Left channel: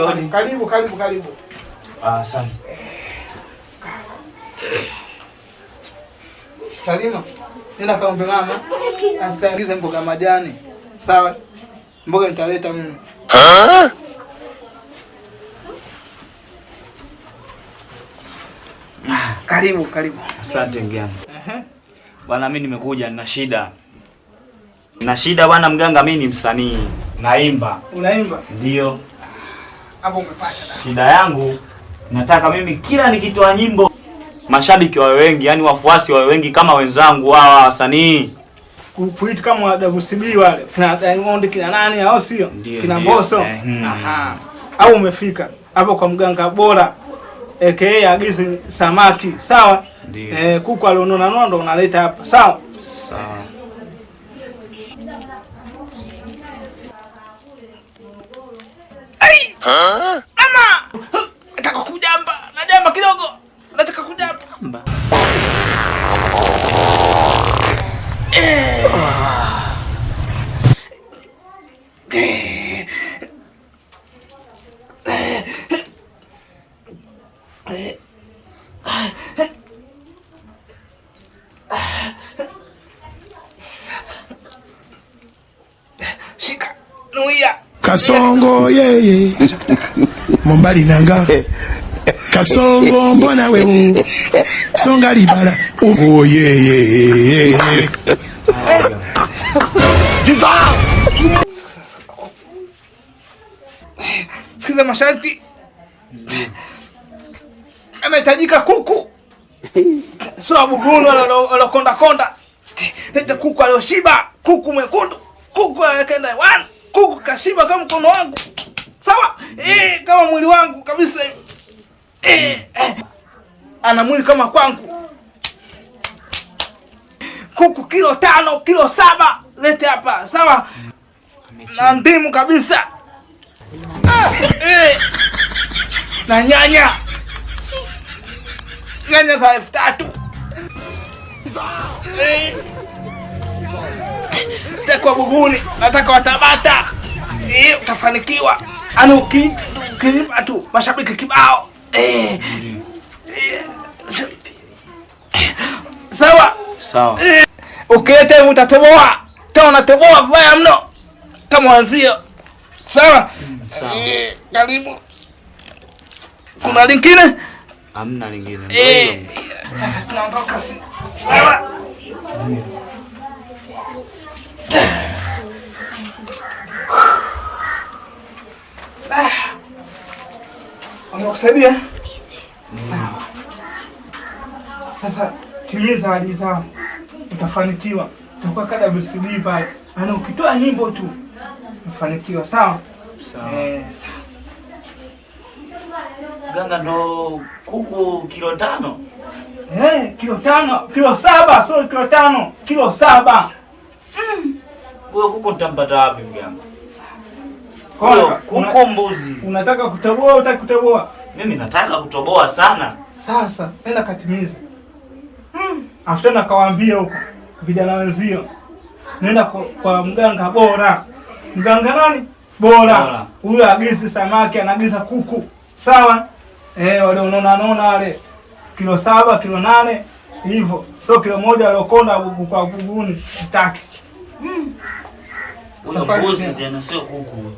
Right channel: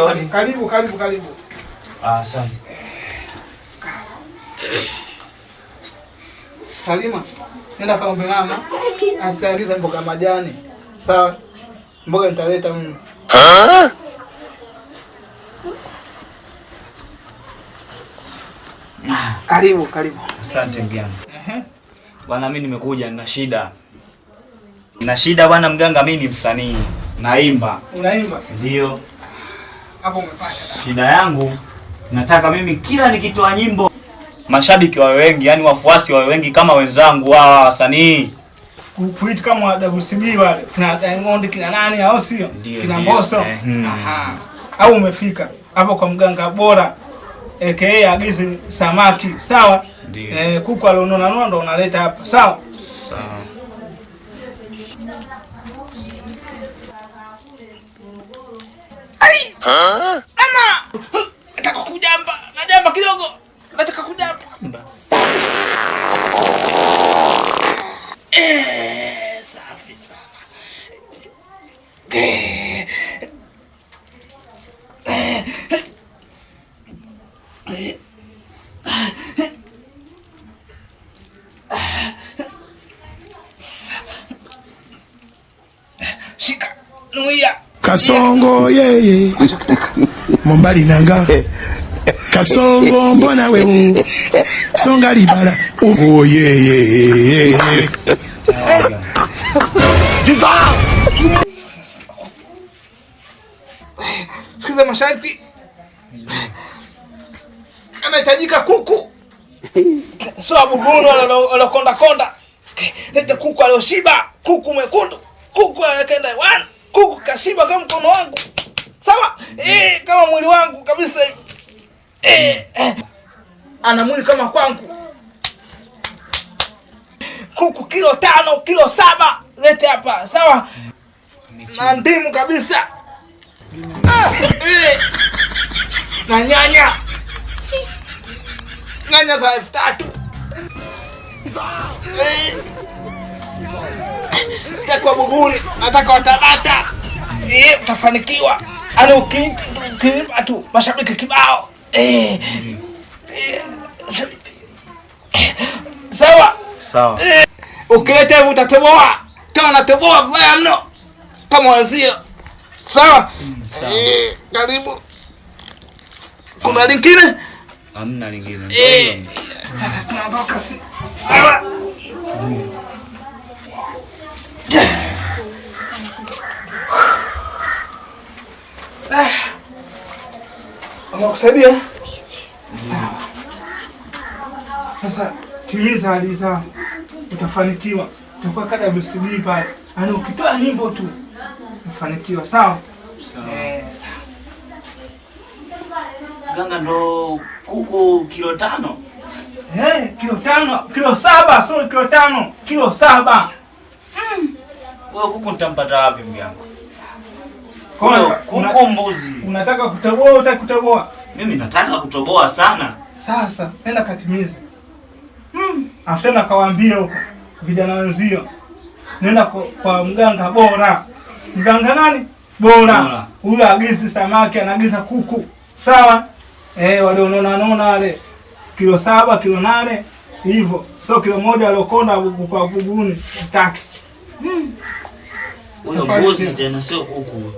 Odi. Karibu. Asante. Salima, nenda kaombe mama asiagize mboga majani. Sawa? Mboga nitaleta mimi. Karibu. Asante mganga. Bwana mimi nimekuja nina shida. Nina shida bwana mganga, mimi ni msanii. Naimba. Unaimba? Ndio. Hapo umepata. Shida yangu nataka mimi kila nikitoa nyimbo mashabiki wawe wengi, yani wafuasi wawe wengi kama wenzangu hawa wasanii. Kuita kama WCB wale. Kina Diamond, kina nani au sio? Kina Mbosso. Aha. Au umefika hapo kwa mganga bora. AKA agizi samaki, sawa? Kuku alionona nondo unaleta hapa, sawa? Sawa. Ai! Mama! Nataka kujamba. Najamba kidogo. Nataka kujamba. Shika. Nuia. Kasongo yeye. Mombali nanga. Kasongo mbona wewe. Songa libala. Oh yeye. Jiza. Sikiza masharti. Anahitajika kuku. Sio abubuno alokonda. Leta kuku alioshiba, kuku mwekundu, kuku anakenda one, kuku kashiba kama mkono wangu. Sawa? Kama mwili wangu kabisa. Ana mwili kama kwangu. Kuku kilo 5, kilo 7, lete hapa, sawa? Na ndimu kabisa. Na nyanya. Nyanya za 3,000. Sitaki wa Buguni, nataka wa Tabata. Utafanikiwa. Ana ukilipa tu mashabiki kibao. Sawa? Ukileta utatoboa. Kama unatoboa vibaya mno. Kama wazio. Sawa? Karibu. Kuna lingine? Hamna lingine. Sasa tunaondoka si. Sawa? Unakusaidia? Sawa. Sasa timiza ahadi zangu. Utafanikiwa. Utakuwa kada WCB pale. Ana ukitoa nyimbo tu utafanikiwa, sawa? Sawa. Sawa. Ganga ndo kuku kilo 5. Kilo 5, kilo 7, sio kilo 5, kilo 7. Wewe kuku nitampata wapi mganga? Kwa kuku mbuzi. Unataka kutoboa, utaki kutoboa? Mimi nataka kutoboa sana. Sasa nenda katimize. Afuta na kawaambia huko vijana wenzio. Nenda kwa mganga bora. Mganga nani? Bora. Huyo agizi samaki, anaagiza kuku. Sawa? Wale unaona wale kilo 7, kilo 8 hivyo. Sio kilo 1 aliokonda kwa Buguni sitaki. Huyo mbuzi tena sio kuku.